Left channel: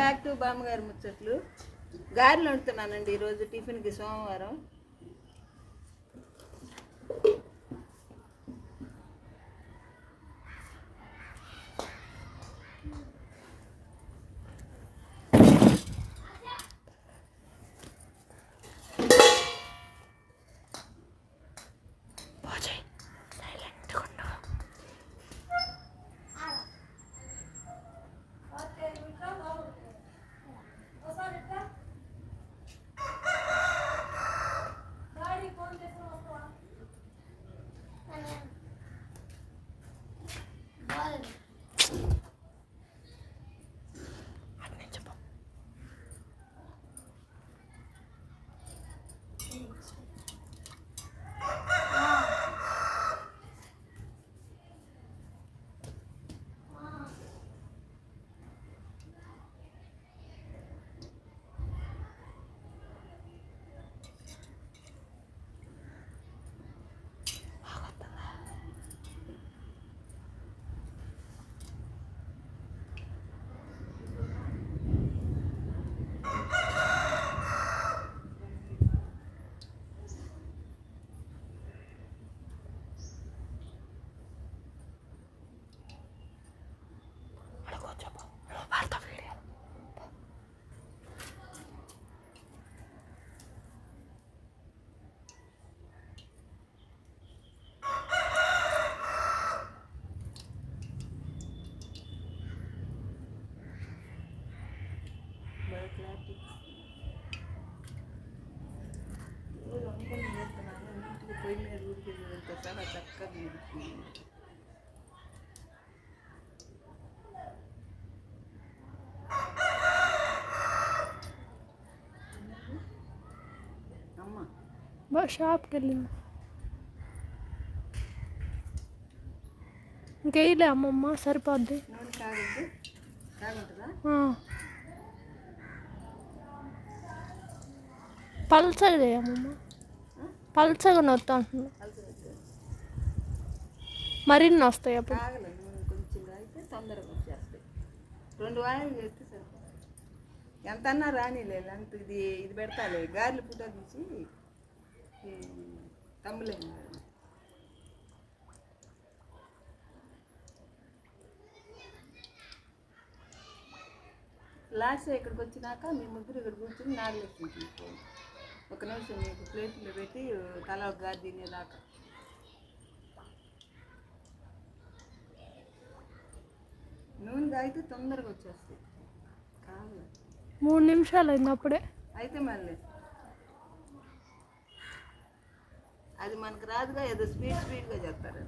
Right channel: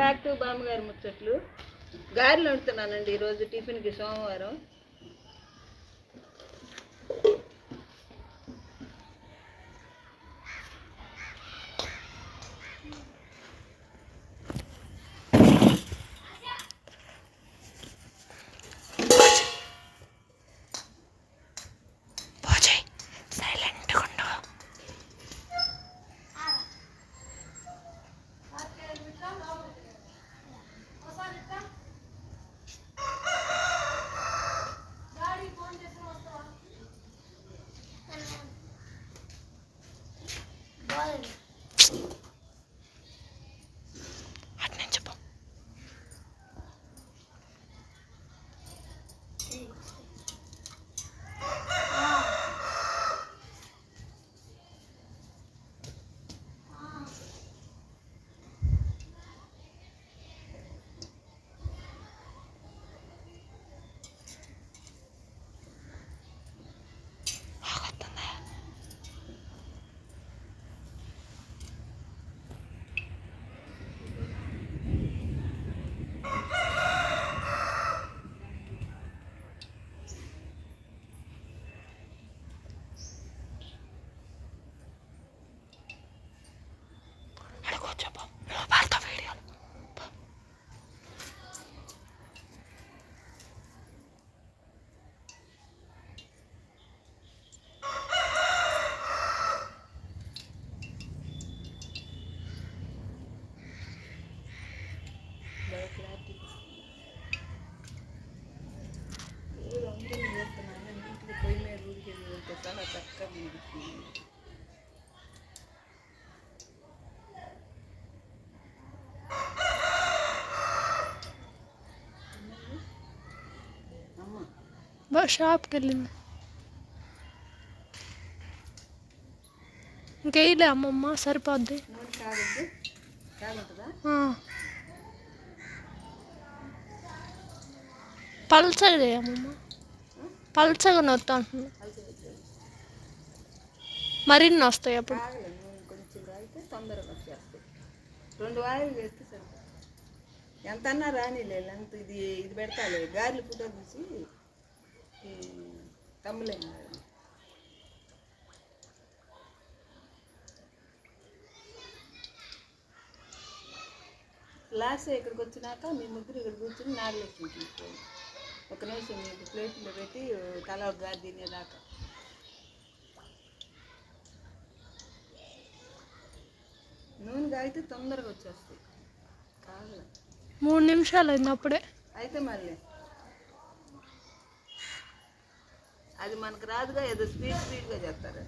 Back to బామ్మగారి ముచ్చట్లు. గారెలు వండుతున్నానండి ఈరోజు టిఫిన్కి సోమవారం. చక్కగా ఉడుకుతుంది బా షాప్కి వెళ్ళింది. ఇంకేయలే అమ్మమ్మ సరిపోద్ది. పల్చగా అమ్మమ్మ. పల్చగా నొత్తా అంటున్నా మరిన్ని వస్తాయి అప్పుడు. కొంచెం కాగితే తొందరగా వచ్చేస్తాయి రెండు వాయిలు చేస్తే సరిపోతుంది. ఎంత అన్నా రానిలే లెంత్ ఇది ఇది పెడతాలే. గారెలు ఫోటో తీసి తమ్ములేం లాస్ట్ ఇక్కడికి వచ్చినాక మీ ముగ్గురు ఇక్కడ కూర్చొని నాగలేసుకుని ఒక నిమిషం మీకు ప్లేట్లో పెట్టి తల ఒక గారి తినేదాకా. నూనె కాగితే తొందరగా వచ్చేస్తాయి. కాదు మూడు నిమిషాలు అయింది అప్పుడే. అయితే మళ్ళీ. అది మనకు రాదుగా ఏదో స్పీడ్ స్పీడ్గా చెప్తారు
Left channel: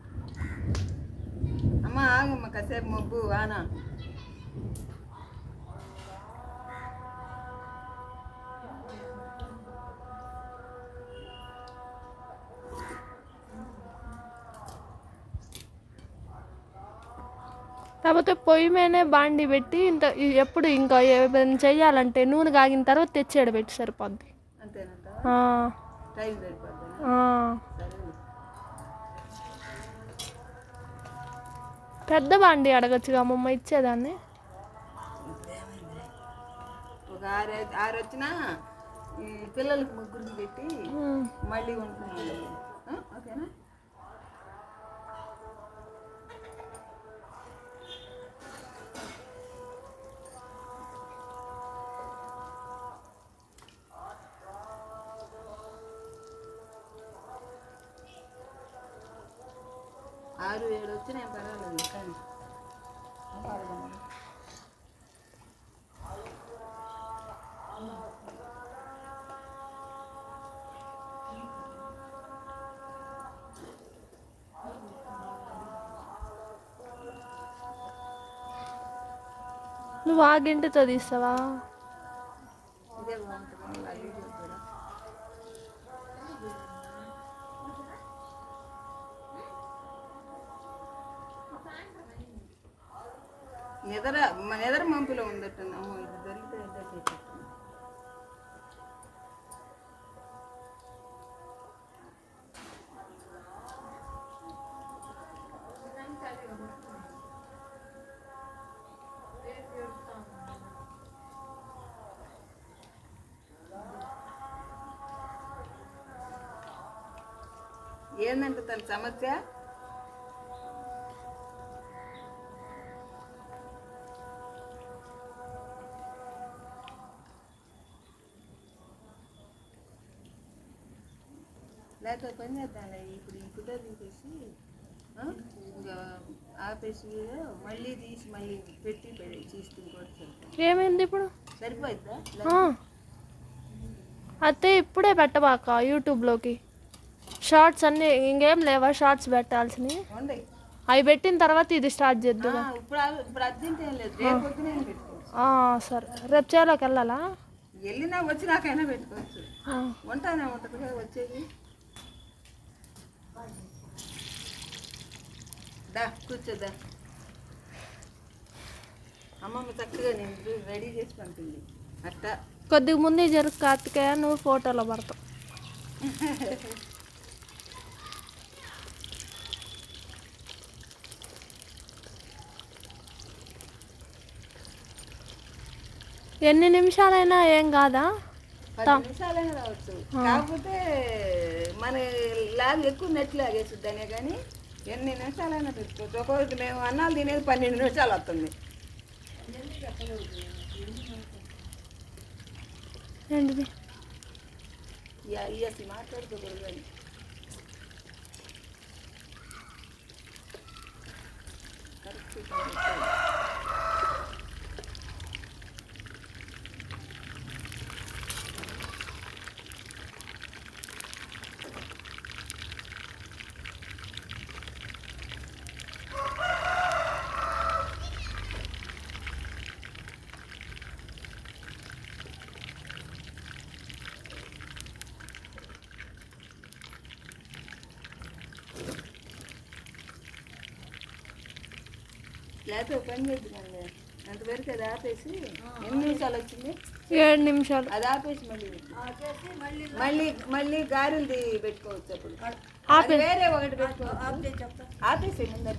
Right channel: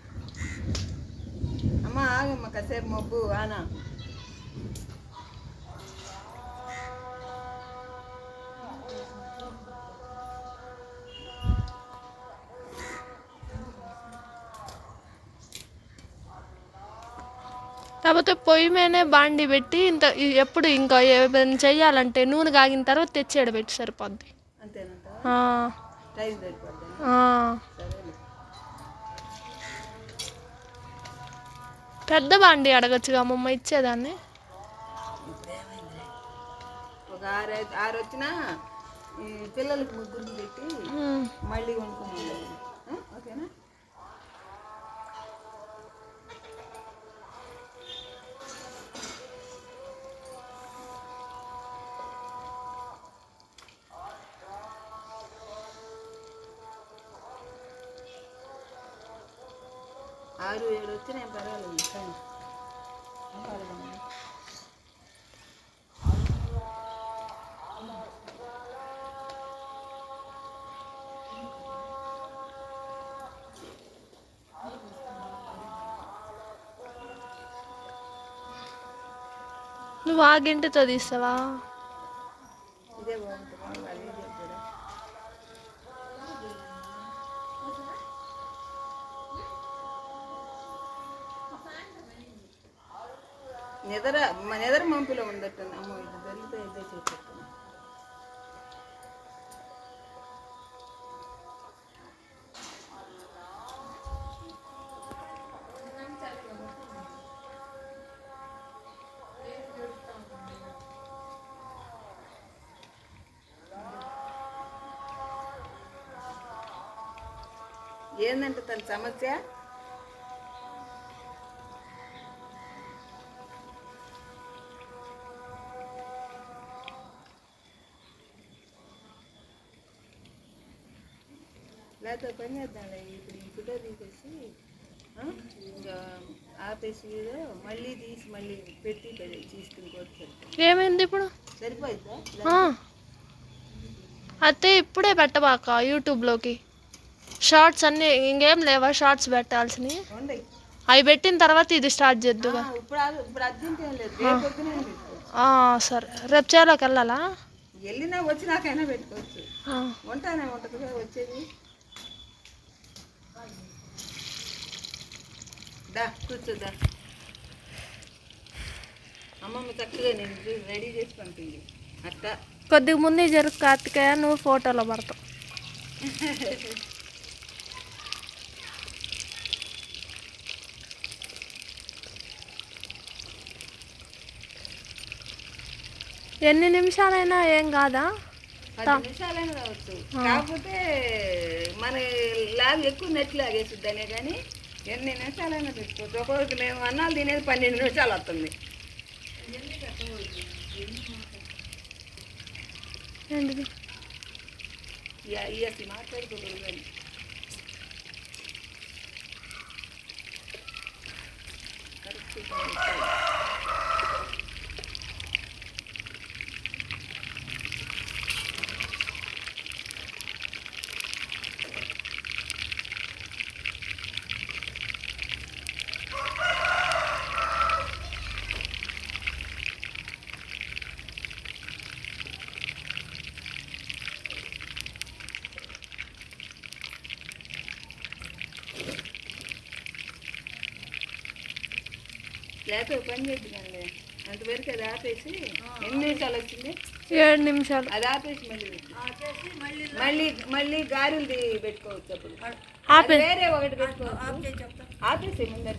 అమ్మ ఆగమ్మ కాసేపు మబ్బు ఆనా. కాకపోతే పొయ్యి మీదనే బాండి పెట్టి ఇంత ఎప్పుడు ఇంకా ఏమైనా చెయ్యాలంటే నూనె కాగిన తర్వాత తెచ్చేడ పెట్టి సరిపోద్ది. పెద్ద బాండి అడగచ్చుగా అమ్మమ్మ ఇచ్చేదాన్ని? ఇప్పుడు ఏమైంది ఒక ఆరు ఐదు ఆరు వచ్చినా ఈ పిల్లలకి ముగ్గురికి పెట్టి. మళ్ళీ ఓకేనా? ఆరు ఏడు వచ్చినా ఏం? పర్వాలేదు కానీ నువ్వు ఆ గింటతో తీస్తావా? ఇదే బాగుంటుంది. నెదర నెదర మంపులో ఉందట్టుంది అమ్మో ఇది దొరికితే ఇదే చేసేస్తుంది ఏందంటే తన సమస్య లేకపోతే పని చేద్దాంలే. ఇప్పుడు ఈ ఫోటో తీసేసి ఇంకా ఆపేసి మళ్ళీ తీసి మళ్ళీ పెట్టి తీసుకుని కూడా ఏమైంది ఇప్పుడు? సరిపోయిద్దా. అయితే ఇప్పుడే పెట్టబాక యూట్యూబ్లోకి. షార్ట్స్ అన్నీ ఇంకేం లేవా షార్ట్స్ పెట్టాల్సినవి? అవి పెట్టిన తర్వాత ఇది స్టార్ట్ పెట్టుకోవచ్చు? ఆ, సరే. రేపు చేలోకి వెళ్ళాలా? వెళ్ళినా వచ్చినాకైనా పెట్టుకోవచ్చు. ఆ. ఉంటానే ఉంటుంది కదా వచ్చేది. దా కూర్చోదా అమ్మమ్మ చక్కగా నేను రెడీ చేసి పంపింది అట్టా కొద్దిగా ముందే జరుగు కార్తికేయ నువ్వు ఫోటోలో పడతావు. ఎన్ని నిమిషాలైనా ఏం కాదా? పది నిమిషాలైనా రావచ్చు. కాకపోతే మన లాగ్ ఎక్కువ నెట్ లాగేసిద్దనే కానీ ఎన్ని నిమిషాలైనా పెట్టుకోవచ్చు. ఒక్కొక్కటి మేము అన్నాలు తినేది పన్నెండు నిమిషాలు వస్తుంది. ఇక మాట్లాడుకోకూడదు కరెక్ట్ లేకపోతే పని చేద్దాంలే అంతవరకు అది ఆపేసి ఎన్ని నిమిషాలు వచ్చింది? ఏడు నిమిషాలు. అది ఆపేసి మళ్ళీ. మళ్ళీ మళ్ళీ గారెలు పెట్టుకోవచ్చు అప్పుడు. వేరే ఒకటి పెట్టుకోవచ్చు. ఆపేసి ముందర.